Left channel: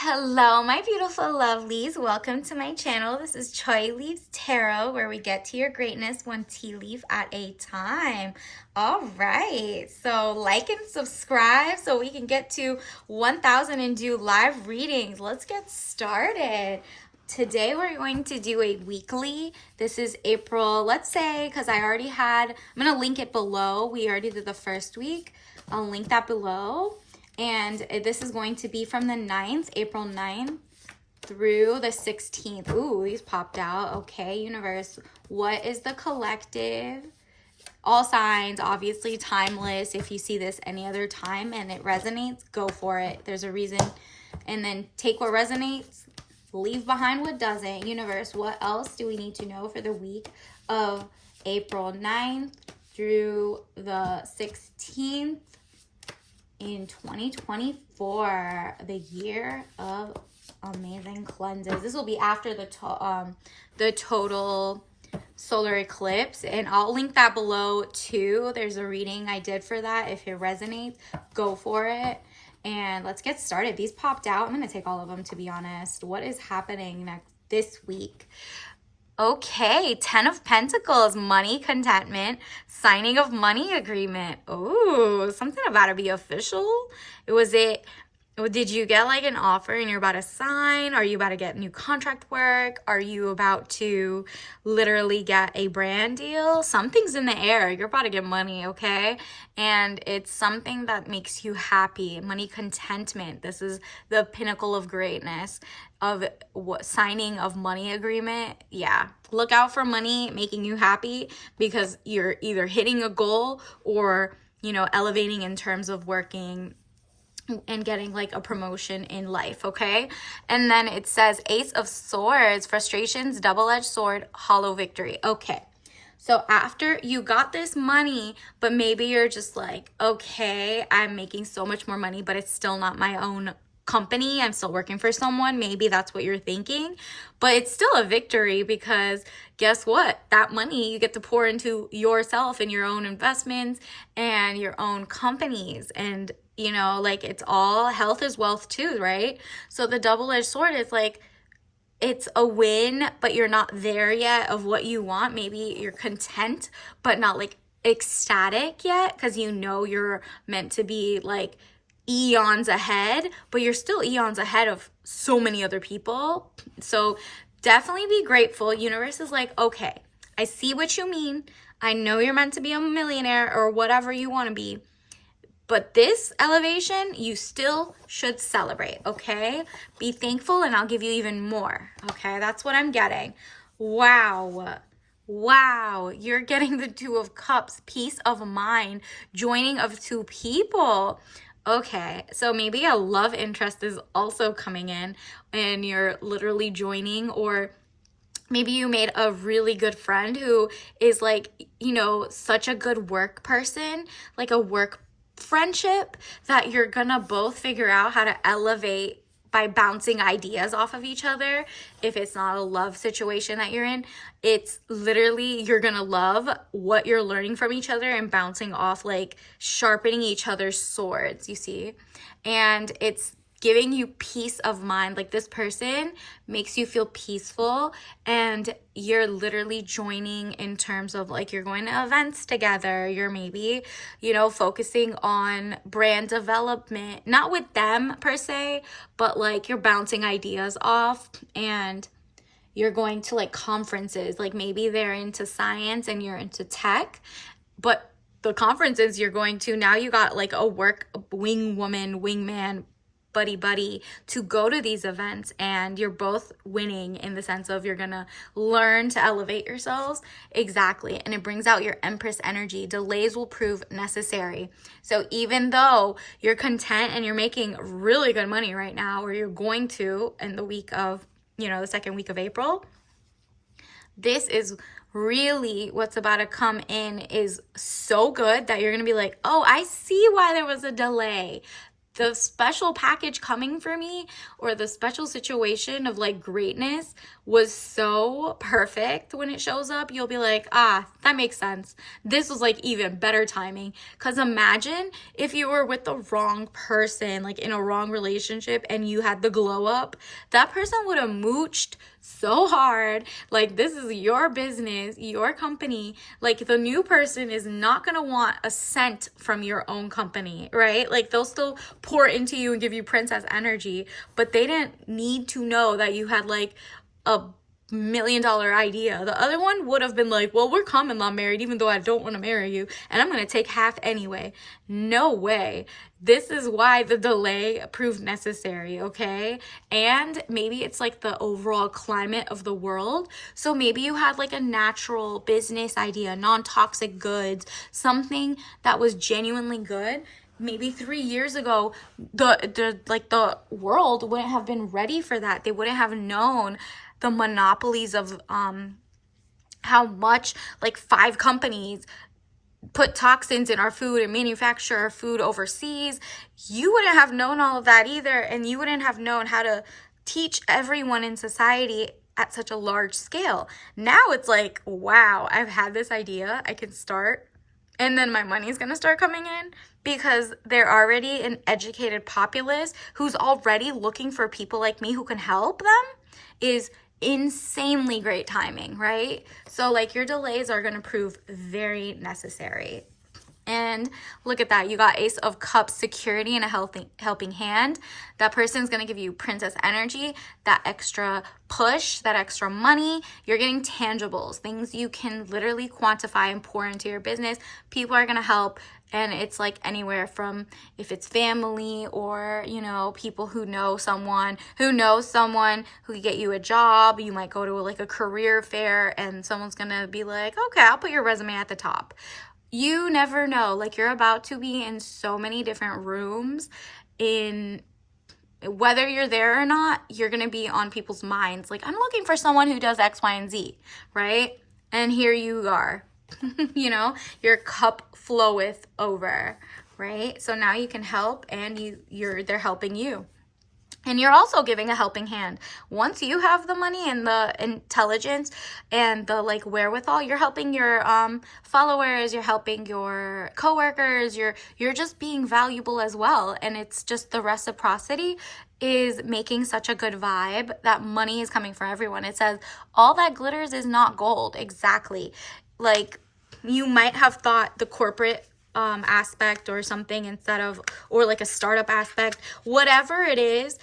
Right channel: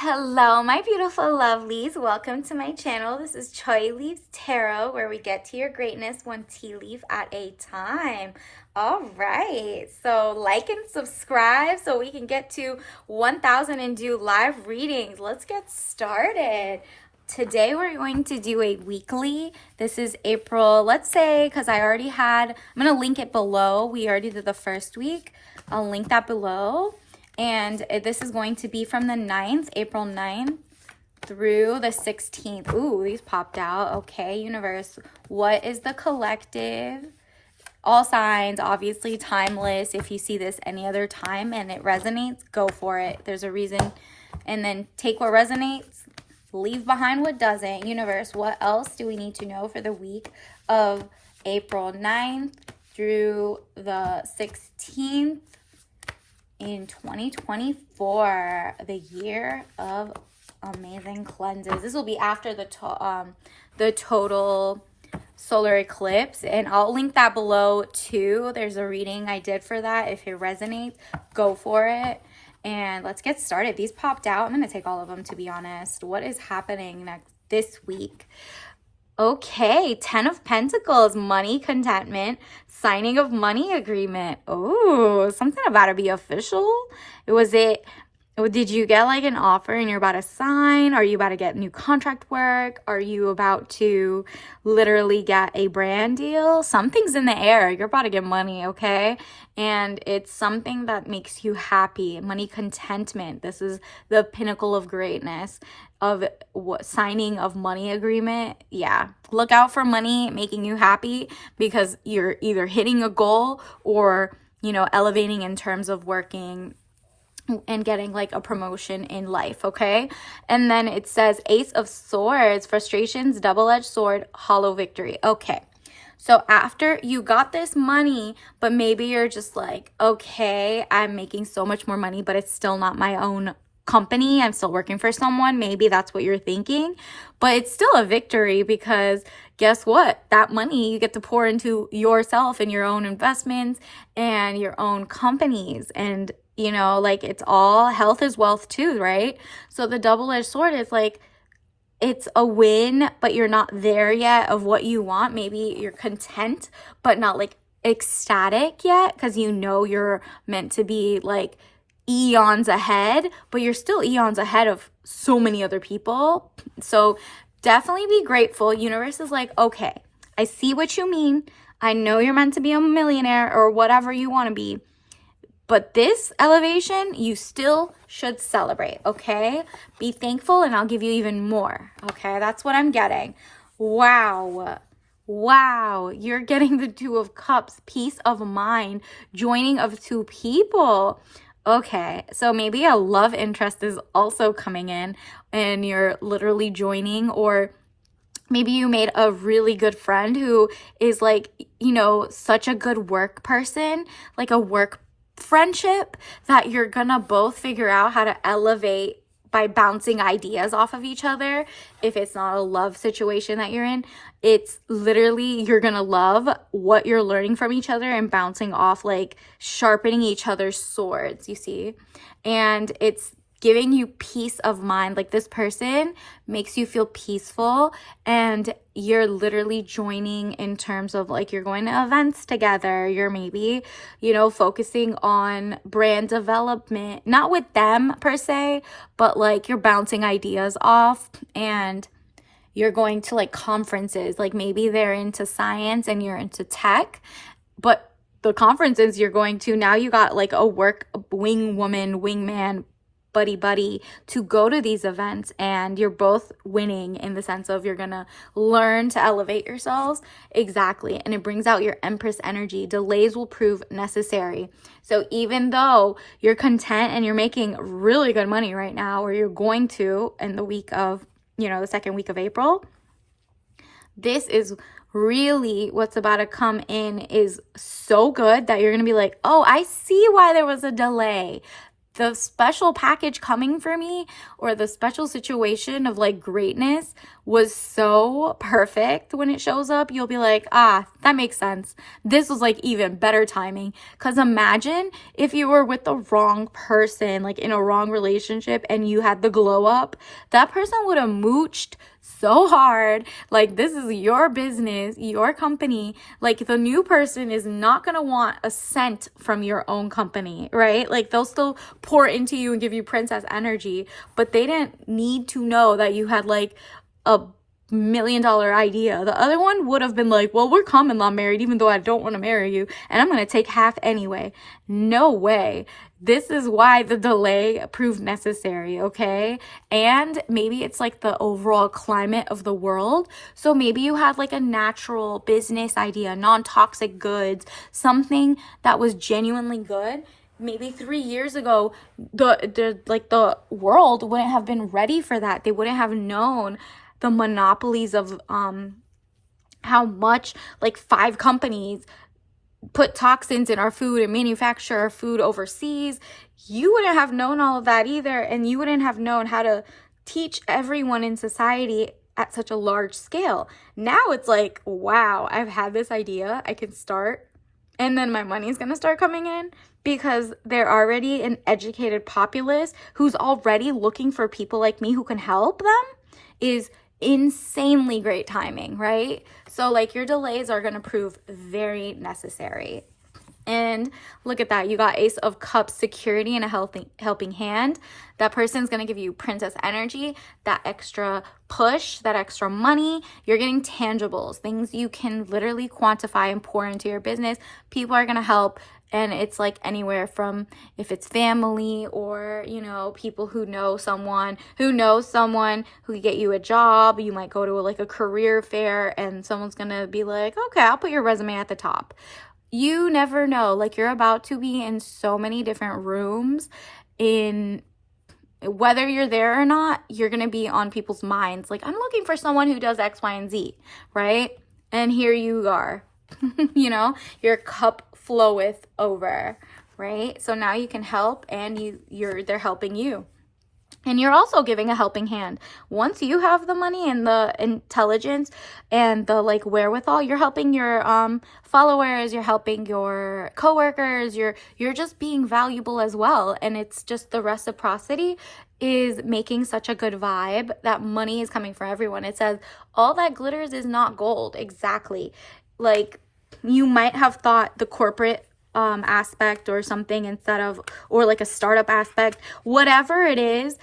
Hello, my beautiful lovelies. Welcome to my channel. This is Choi Leaves Tarot, where we get to your greatness one tea leaf at a time. All right, so like and subscribe so we can get to 1,000 and do live readings. Let's get started. Today we're going to do a weekly. This is April, let's say, because I already had, I'm going to link it below. We already did the first week. I'll link that below. And this is going to be from the 9th, April 9th through the 16th. Ooh, these popped out. Okay, universe, what is the collective? All signs, obviously timeless. If you see this any other time and it resonates, go for it. There's a reason. And then take what resonates, leave behind what doesn't. Universe, what else do we need to know for the week of April 9th through the 16th? In 2024, the year of amazing cleanses. This will be after the total solar eclipse, and I'll link that below too. There's a reading I did for that. If it resonates, go for it. And let's get started. These popped out. I'm going to take all of them, to be honest. What is happening this week? Okay, 10 of Pentacles, money, contentment, signing of money agreement. Oh, something about to be official. Did you get like an offer and you're about to sign? Are you about to get new contract work? Are you about to literally get a brand deal? Something's in the air. You're about to get money, okay? And it's something that makes you happy. Money, contentment. This is the pinnacle of greatness of signing of money agreement. Yeah, look out for money making you happy because you're either hitting a goal or, elevating in terms of working and getting like a promotion in life, okay? And then it says Ace of Swords, frustrations, double-edged sword, hollow victory. Okay, so after you got this money, but maybe you're just like, okay, I'm making so much more money, but it's still not my own company. I'm still working for someone. Maybe that's what you're thinking, but it's still a victory because guess what? That money you get to pour into yourself and your own investments and your own companies. And like it's all health is wealth too, right? So the double-edged sword is like, it's a win, but you're not there yet of what you want. Maybe you're content, but not like ecstatic yet because you're meant to be like eons ahead, but you're still eons ahead of so many other people. So definitely be grateful. Universe is like, okay, I see what you mean. I know you're meant to be a millionaire or whatever you want to be. But this elevation, you still should celebrate, okay? Be thankful and I'll give you even more, okay? That's what I'm getting. Wow. Wow. You're getting the Two of Cups, peace of mind, joining of two people. Okay, so maybe a love interest is also coming in and you're literally joining, or maybe you made a really good friend who is like, such a good work person, like a work friendship that you're gonna both figure out how to elevate by bouncing ideas off of each other. If it's not a love situation that you're in, it's literally you're gonna love what you're learning from each other and bouncing off, like sharpening each other's swords, you see? And it's giving you peace of mind. Like this person makes you feel peaceful and you're literally joining in terms of like you're going to events together. You're maybe, focusing on brand development, not with them per se, but like you're bouncing ideas off and you're going to like conferences. Like maybe they're into science and you're into tech, but the conferences you're going to, now you got like a wing woman, wingman, buddy to go to these events, and you're both winning in the sense of you're gonna learn to elevate yourselves. Exactly. And it brings out your Empress energy. Delays will prove necessary. So even though you're content and you're making really good money right now, or you're going to in the week of the second week of April, this is really what's about to come in is so good that you're gonna be like, oh, I see why there was a delay. the special package coming for me, or the special situation of like greatness, was so perfect. When it shows up, you'll be like, ah, that makes sense. This was like even better timing. Because imagine if you were with the wrong person, like in a wrong relationship, and you had the glow up, that person would have mooched so hard. Like, this is your business, your company. Like, the new person is not gonna want a cent from your own company, right? Like, they'll still pour into you and give you princess energy, but they didn't need to know that you had like a $1 million idea. The other one would have been like, well, we're common law married, even though I don't want to marry you, and I'm going to take half anyway. No way. This is why the delay proved necessary, okay? And maybe it's like the overall climate of the world. So maybe you had like a natural business idea, non-toxic goods, something that was genuinely good. Maybe 3 years ago, the world wouldn't have been ready for that. They wouldn't have known the monopolies of how much like 5 companies put toxins in our food and manufacture our food overseas. You wouldn't have known all of that either, and you wouldn't have known how to teach everyone in society at such a large scale. Now it's like, wow, I've had this idea, I can start, and then my money's gonna start coming in, because they're already an educated populace who's already looking for people like me who can help them, is insanely great timing, right? So like, your delays are going to prove very necessary. And look at that. You got Ace of Cups, security and a helping hand. That person's going to give you princess energy, that extra push, that extra money. You're getting tangibles, things you can literally quantify and pour into your business. People are going to help. And it's like anywhere from, if it's family, or, you know, people who know someone who can get you a job. You might go to like a career fair and someone's going to be like, okay, I'll put your resume at the top. You never know. Like, you're about to be in so many different rooms. In whether you're there or not, you're going to be on people's minds. Like, I'm looking for someone who does X, Y, and Z, right? And here you are. You know, your cup floweth over, right? So now you can help, and they're helping you. And you're also giving a helping hand. Once you have the money and the intelligence and the like wherewithal, you're helping your followers, you're helping your coworkers, you're just being valuable as well. And it's just the reciprocity is making such a good vibe that money is coming for everyone. It says all that glitters is not gold. Exactly. Like, you might have thought the corporate aspect or something instead of, or like a startup aspect, whatever it is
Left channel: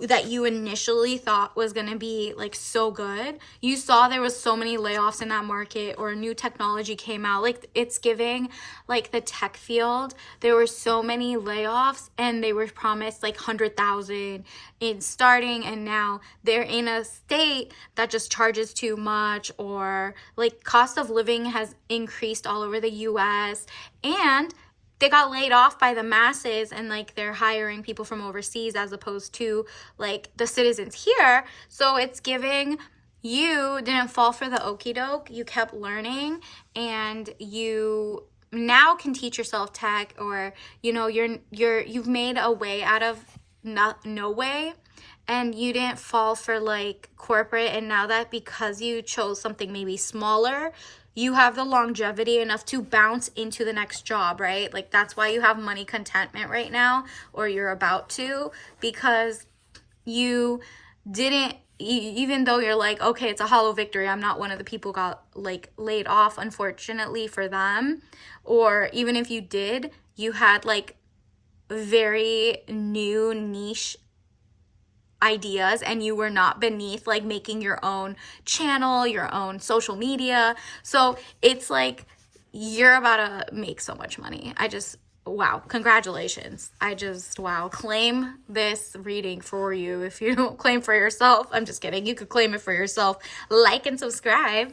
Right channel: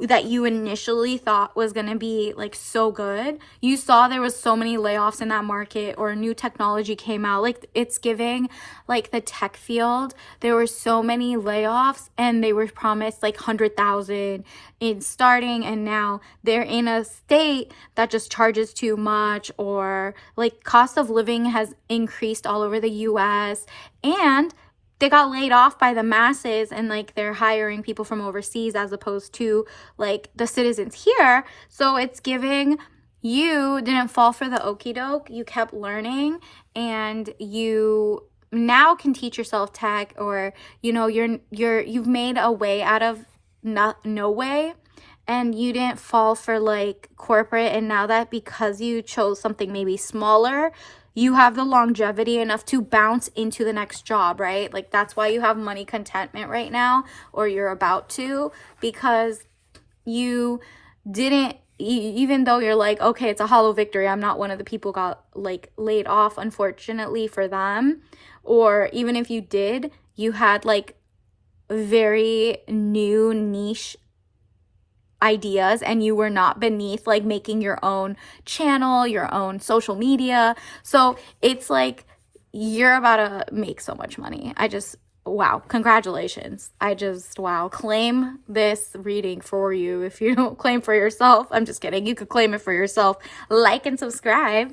that you initially thought was going to be like so good. You saw there was so many layoffs in that market, or new technology came out. Like, it's giving like the tech field. There were so many layoffs, and they were promised like 100,000 in starting, and now they're in a state that just charges too much, or like cost of living has increased all over the US, and they got laid off by the masses, and like they're hiring people from overseas as opposed to like the citizens here. So it's giving, you didn't fall for the okie doke. You kept learning, and you now can teach yourself tech, or you know, you've made a way out of no way, and you didn't fall for like corporate. And now that, because you chose something maybe smaller, you have the longevity enough to bounce into the next job, right? Like, that's why you have money contentment right now, or you're about to, because you didn't, even though you're like, okay, it's a hollow victory, I'm not one of the people got like laid off, unfortunately for them. Or even if you did, you had like very new niche ideas, and you were not beneath like making your own channel, your own social media. So it's like, you're about to make so much money. Wow, congratulations. Wow, claim this reading for you. If you don't claim for yourself, I'm just kidding, you could claim it for yourself. Like and subscribe.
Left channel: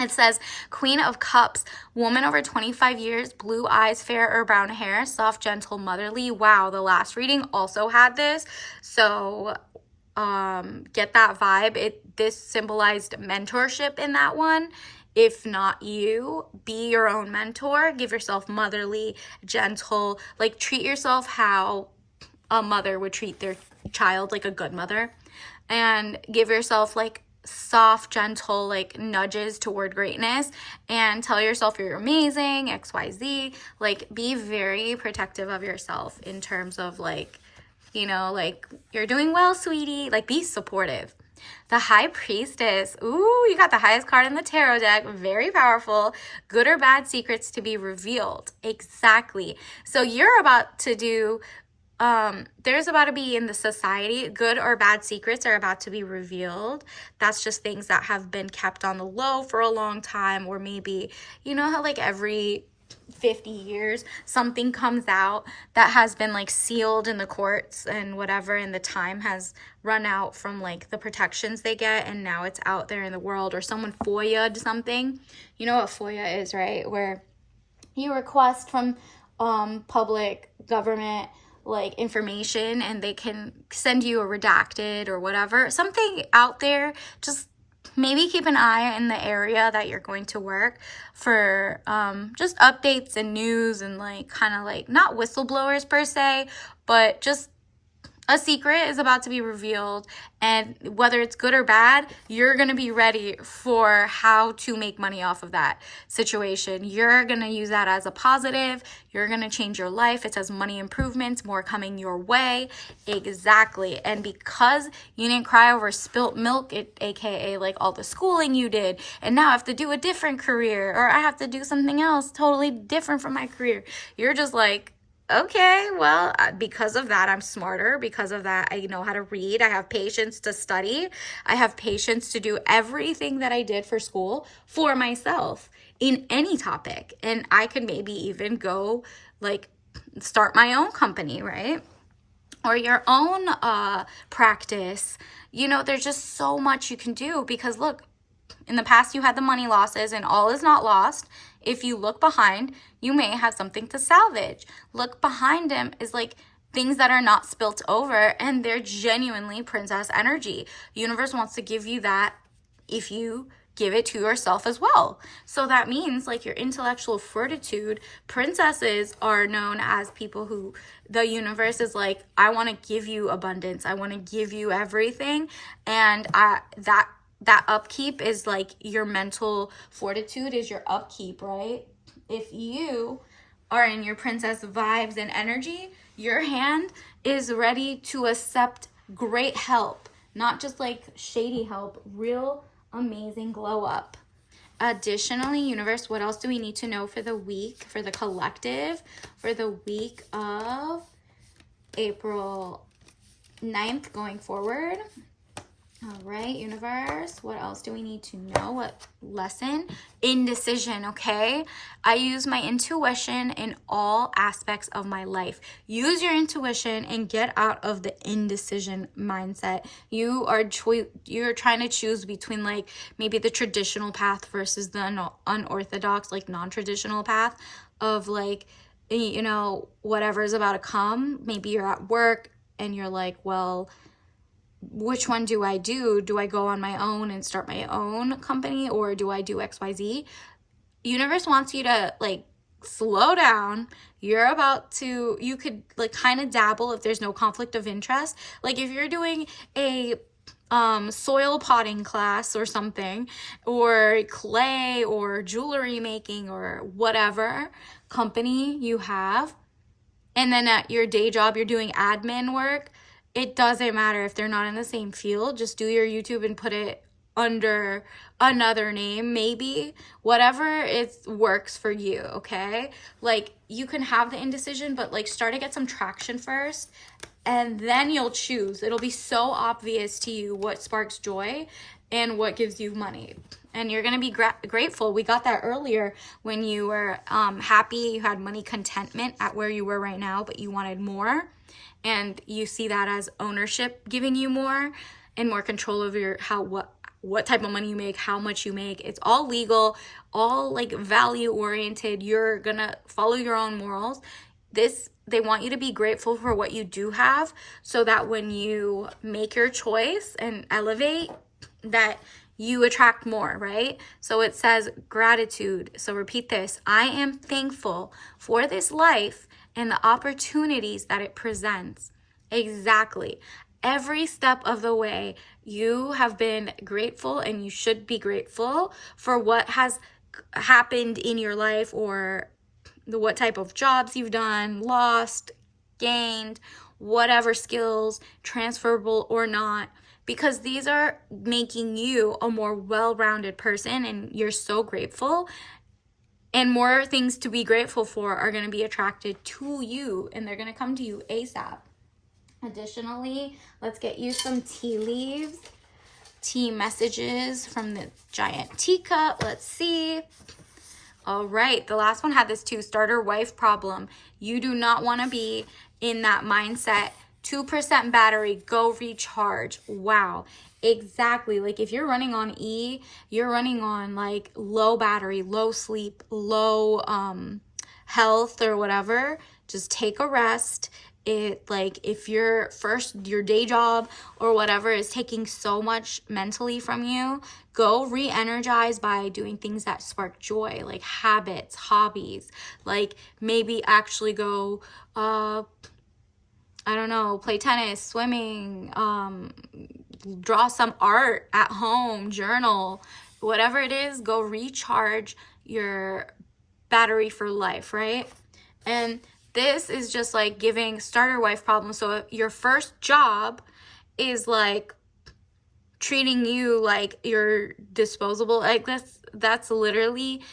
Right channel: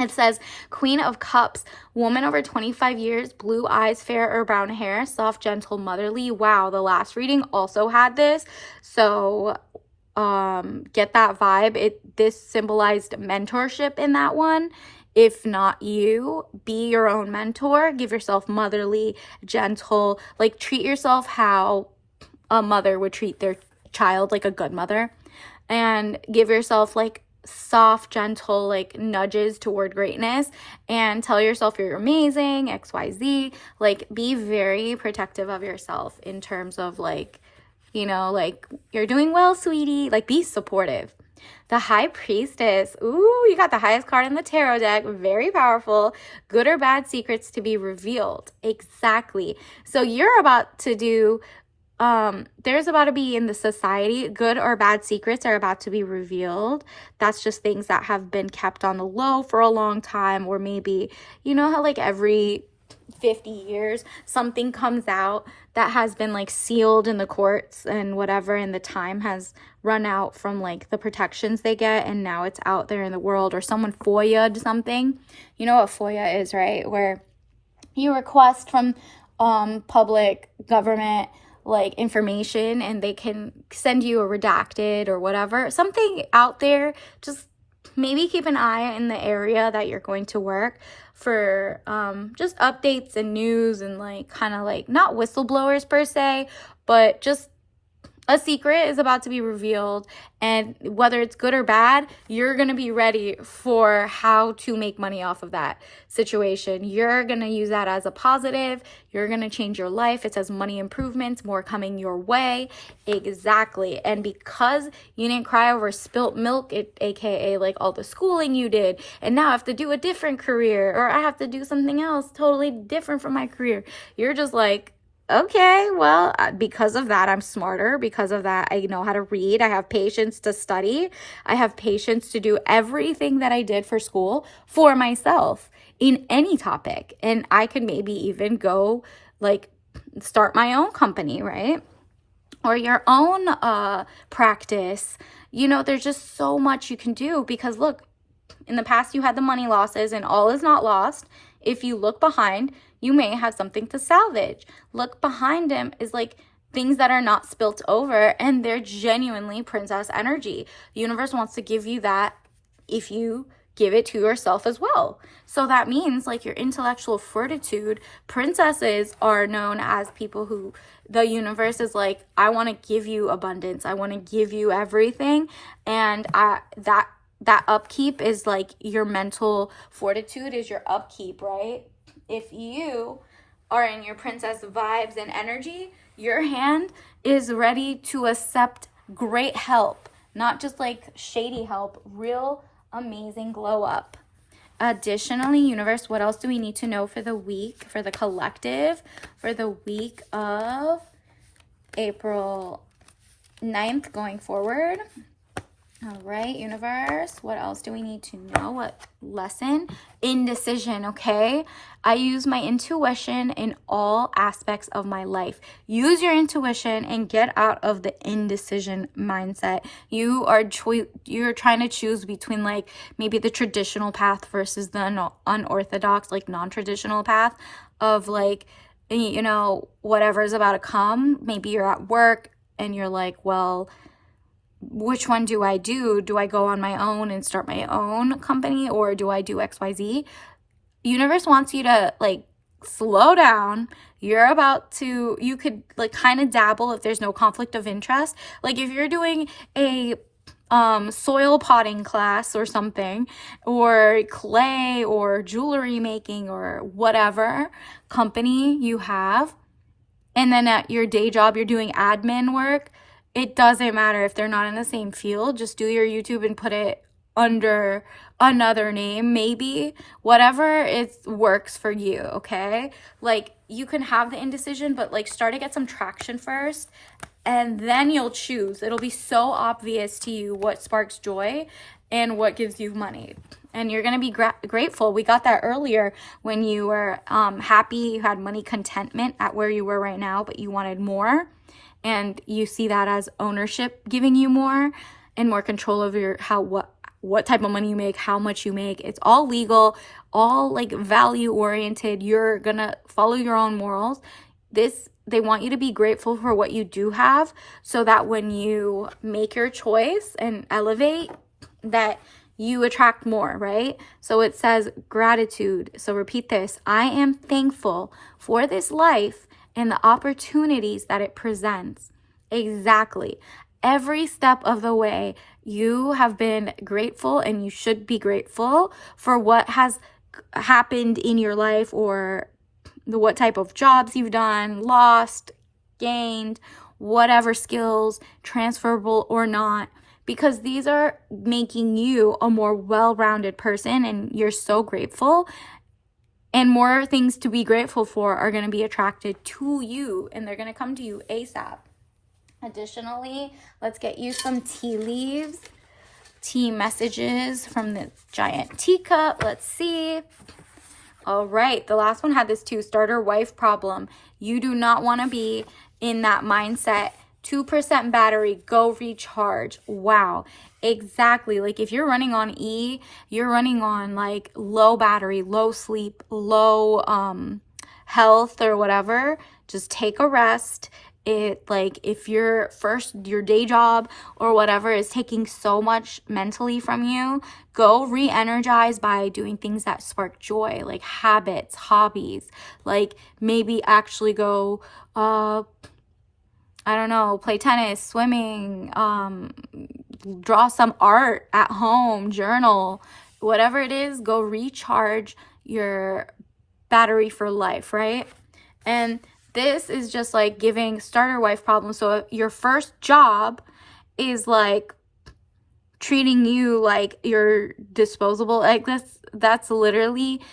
It says, Queen of Cups, woman over 25 years, blue eyes, fair or brown hair, soft, gentle, motherly. Wow, the last reading also had this. So get that vibe. This symbolized mentorship in that one. if not you. Be your own mentor. Give yourself motherly, gentle, like treat yourself how a mother would treat their child, like a good mother. And give yourself like soft, gentle, like nudges toward greatness, and tell yourself you're amazing, XYZ. Like, be very protective of yourself in terms of like, you know, like, you're doing well, sweetie. Like, be supportive. The High Priestess. Ooh, you got the highest card in the tarot deck. Very powerful. Good or bad secrets to be revealed. Exactly. So you're about to do, there's about to be in the society, good or bad secrets are about to be revealed. That's just things that have been kept on the low for a long time, or maybe, you know how like every 50 years something comes out that has been like sealed in the courts and whatever, and the time has run out from like the protections they get, and now it's out there in the world, or someone FOIA'd something. You know what FOIA is, right? Where you request from public government like information, and they can send you a redacted or whatever, something out there. Just maybe keep an eye in the area that you're going to work for just updates and news, and like kind of like not whistleblowers per se, but just a secret is about to be revealed, and whether it's good or bad, you're going to be ready for how to make money off of that situation. You're going to use that as a positive. You're going to change your life. It says money improvements, more coming your way. Exactly. And because you didn't cry over spilt milk, aka like all the schooling you did, and now I have to do a different career, or I have to do something else totally different from my career, you're just like, okay, well, because of that, I'm smarter. Because of that, I know how to read. I have patience to study. I have patience to do everything that I did for school for myself in any topic. And I could maybe even go like start my own company, right? Or your own practice. You know, there's just so much you can do, because look, in the past you had the money losses, and all is not lost. If you look behind, you may have something to salvage. Look behind him is like things that are not spilt over, and they're genuinely princess energy. The universe wants to give you that if you give it to yourself as well. So that means like your intellectual fortitude. Princesses are known as people who the universe is like, I want to give you abundance. I want to give you everything. And that upkeep is like your mental fortitude is your upkeep, right? If you are in your princess vibes and energy, your hand is ready to accept great help, not just like shady help, real amazing glow up. Additionally, universe, what else do we need to know for the week, for the collective, for the week of April 9th going forward? All right, universe, what else do we need to know? What lesson? Indecision, okay? I use my intuition in all aspects of my life. Use your intuition and get out of the indecision mindset. You're trying to choose between like maybe the traditional path versus the unorthodox, like non-traditional path of like, you know, whatever's about to come. Maybe you're at work and you're like, well, which one do I do? Do I go on my own and start my own company, or do I do XYZ? Universe wants you to like slow down. You could like kind of dabble if there's no conflict of interest. Like if you're doing a soil potting class or something, or clay or jewelry making or whatever company you have, and then at your day job you're doing admin work, it doesn't matter if they're not in the same field. Just do your YouTube and put it under another name, maybe. Whatever it works for you, okay? Like, you can have the indecision, but like start to get some traction first, and then you'll choose. It'll be so obvious to you what sparks joy and what gives you money. And you're going to be grateful. We got that earlier when you were happy, you had money contentment at where you were right now, but you wanted more. And you see that as ownership giving you more and more control over what type of money you make, how much you make. It's all legal, all like value oriented. You're gonna follow your own morals. They want you to be grateful for what you do have, so that when you make your choice and elevate, that you attract more, right? So it says gratitude. So repeat this. I am thankful for this life and the opportunities that it presents. Exactly. Every step of the way, you have been grateful, and you should be grateful for what has happened in your life, or what type of jobs you've done, lost, gained, whatever skills, transferable or not, because these are making you a more well-rounded person, and you're so grateful. And more things to be grateful for are going to be attracted to you, and they're going to come to you ASAP. Additionally, let's get you some tea leaves, tea messages from the giant teacup. Let's see. All right, the last one had this too, starter wife problem. You do not want to be in that mindset. 2% battery, go recharge. Wow, exactly. Like if you're running on E, you're running on like low battery, low sleep, low health or whatever. Just take a rest. It, like, if your day job or whatever is taking so much mentally from you, go re-energize by doing things that spark joy, like habits, hobbies. Like maybe actually go I don't know, play tennis, swimming, draw some art at home, journal, whatever it is. Go recharge your battery for life, right? And this is just like giving starter wife problems. So if your first job is like treating you like you're disposable, like this, that's literally,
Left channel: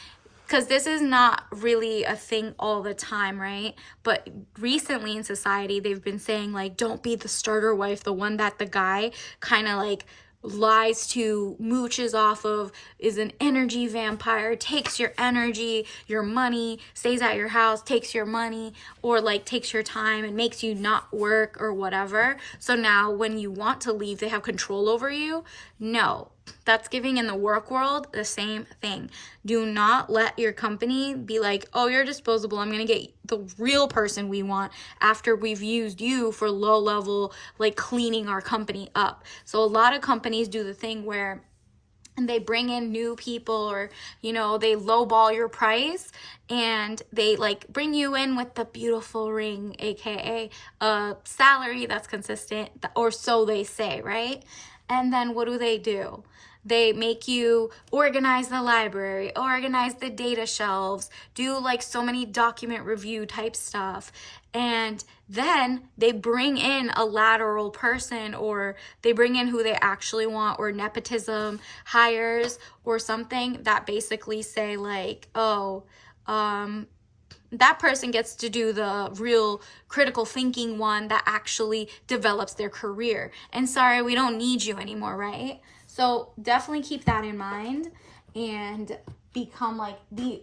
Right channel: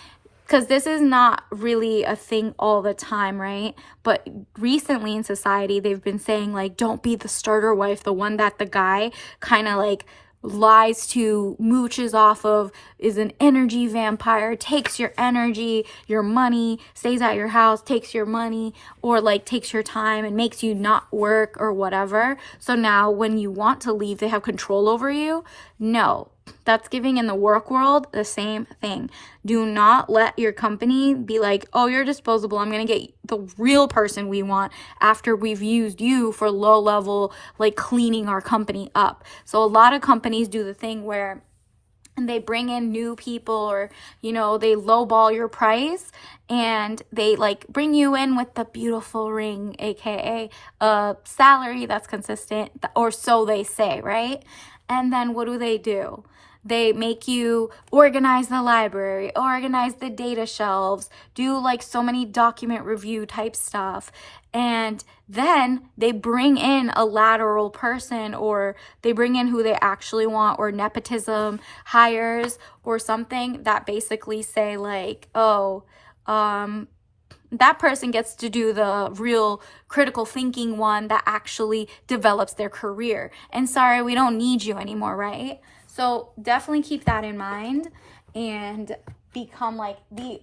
because this is not really a thing all the time, right? But recently in society, they've been saying like, don't be the starter wife, the one that the guy kind of like lies to, mooches off of, is an energy vampire, takes your energy, your money, stays at your house, takes your money, or like takes your time and makes you not work or whatever. So now when you want to leave, they have control over you. No, that's giving in the work world the same thing. Do not let your company be like, oh, you're disposable, I'm going to get the real person we want after we've used you for low level, like cleaning our company up. So a lot of companies do the thing where they bring in new people, or they lowball your price, and they like bring you in with the beautiful ring, aka a salary that's consistent, or so they say, right? And then what do? They make you organize the library, organize the data shelves, do like so many document review type stuff. And then they bring in a lateral person, or they bring in who they actually want, or nepotism hires or something that basically say like, oh, that person gets to do the real critical thinking one that actually develops their career. And sorry, we don't need you anymore, right? So definitely keep that in mind, and become like the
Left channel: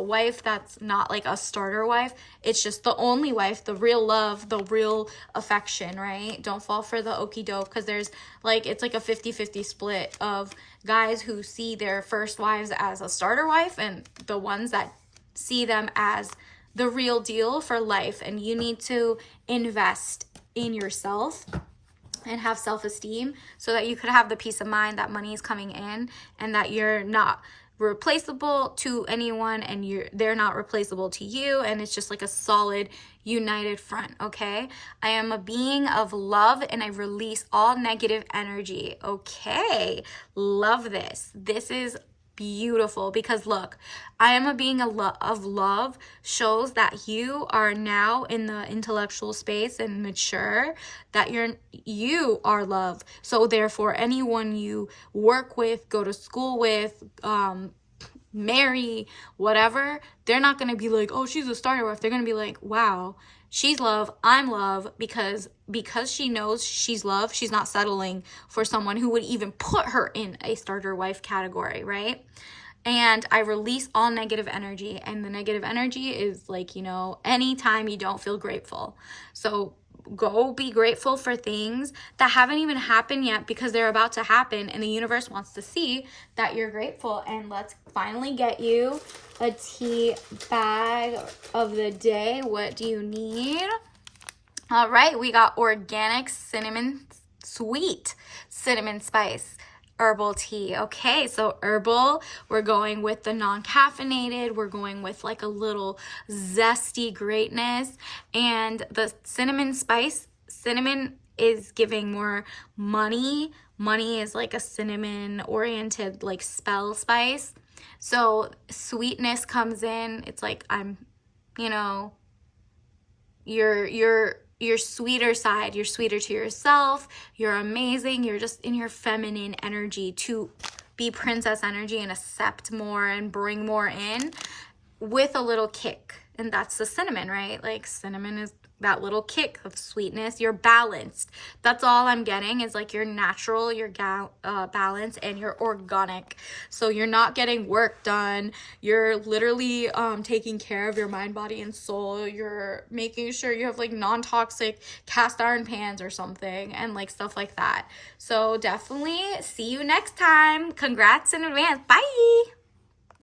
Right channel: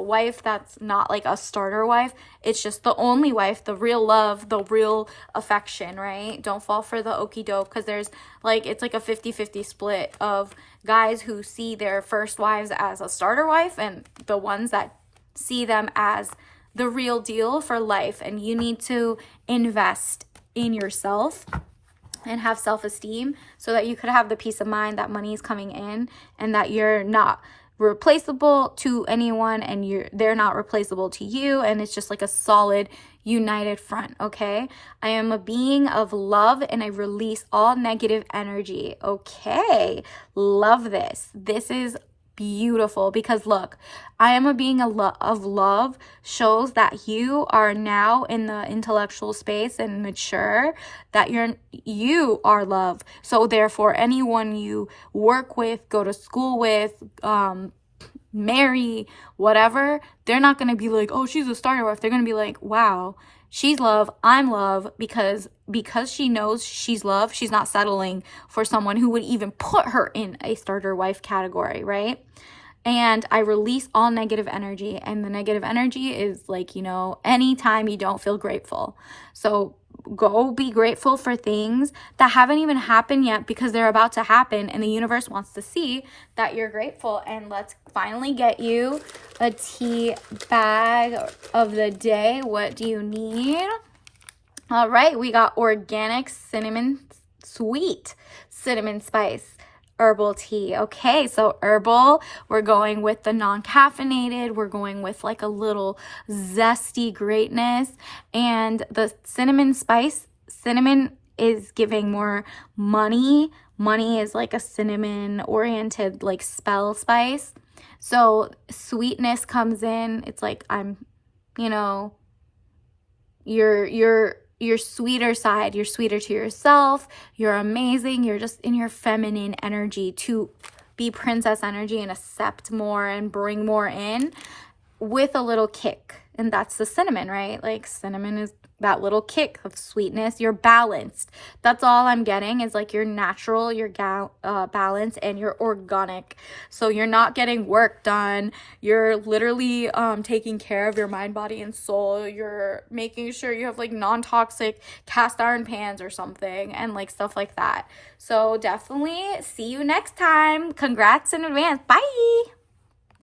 wife that's not like a starter wife. It's just the only wife, the real love, the real affection, right? Don't fall for the okie doke, because there's like, it's like a 50-50 split of guys who see their first wives as a starter wife, and the ones that see them as the real deal for life. And you need to invest in yourself and have self-esteem, so that you could have the peace of mind that money is coming in, and that you're not replaceable to anyone, and they're not replaceable to you, and it's just like a solid united front. Okay, I am a being of love, and I release all negative energy. Okay, love this. This is beautiful, because look, I am a being of love shows that you are now in the intellectual space and mature, that you are love. So therefore, anyone you work with, go to school with, marry, whatever, they're not going to be like, oh, she's a starter wife. They're going to be like, wow, she's love, I'm love, because she knows she's love, she's not settling for someone who would even put her in a starter wife category, right? And I release all negative energy, and the negative energy is like, anytime you don't feel grateful. So go be grateful for things that haven't even happened yet, because they're about to happen, and the universe wants to see that you're grateful. And let's finally get you a tea bag of the day. What do you need? All right, we got organic cinnamon, sweet cinnamon spice. herbal tea. Okay, so herbal, we're going with the non-caffeinated, we're going with like a little zesty greatness, and the cinnamon spice, cinnamon is giving more money. Money is like a cinnamon oriented like spell spice. So sweetness comes in. It's like you know, your sweeter side, you're sweeter to yourself, you're amazing, you're just in your feminine energy to be princess energy and accept more and bring more in with a little kick. And that's the cinnamon, right? Like cinnamon is that little kick of sweetness. You're balanced. That's all I'm getting is like you're natural, you're balanced, and you're organic. So you're not getting work done. You're literally taking care of your mind, body, and soul. You're making sure you have like non-toxic cast iron pans or something and like stuff like that. So definitely see you next time. Congrats in advance. Bye.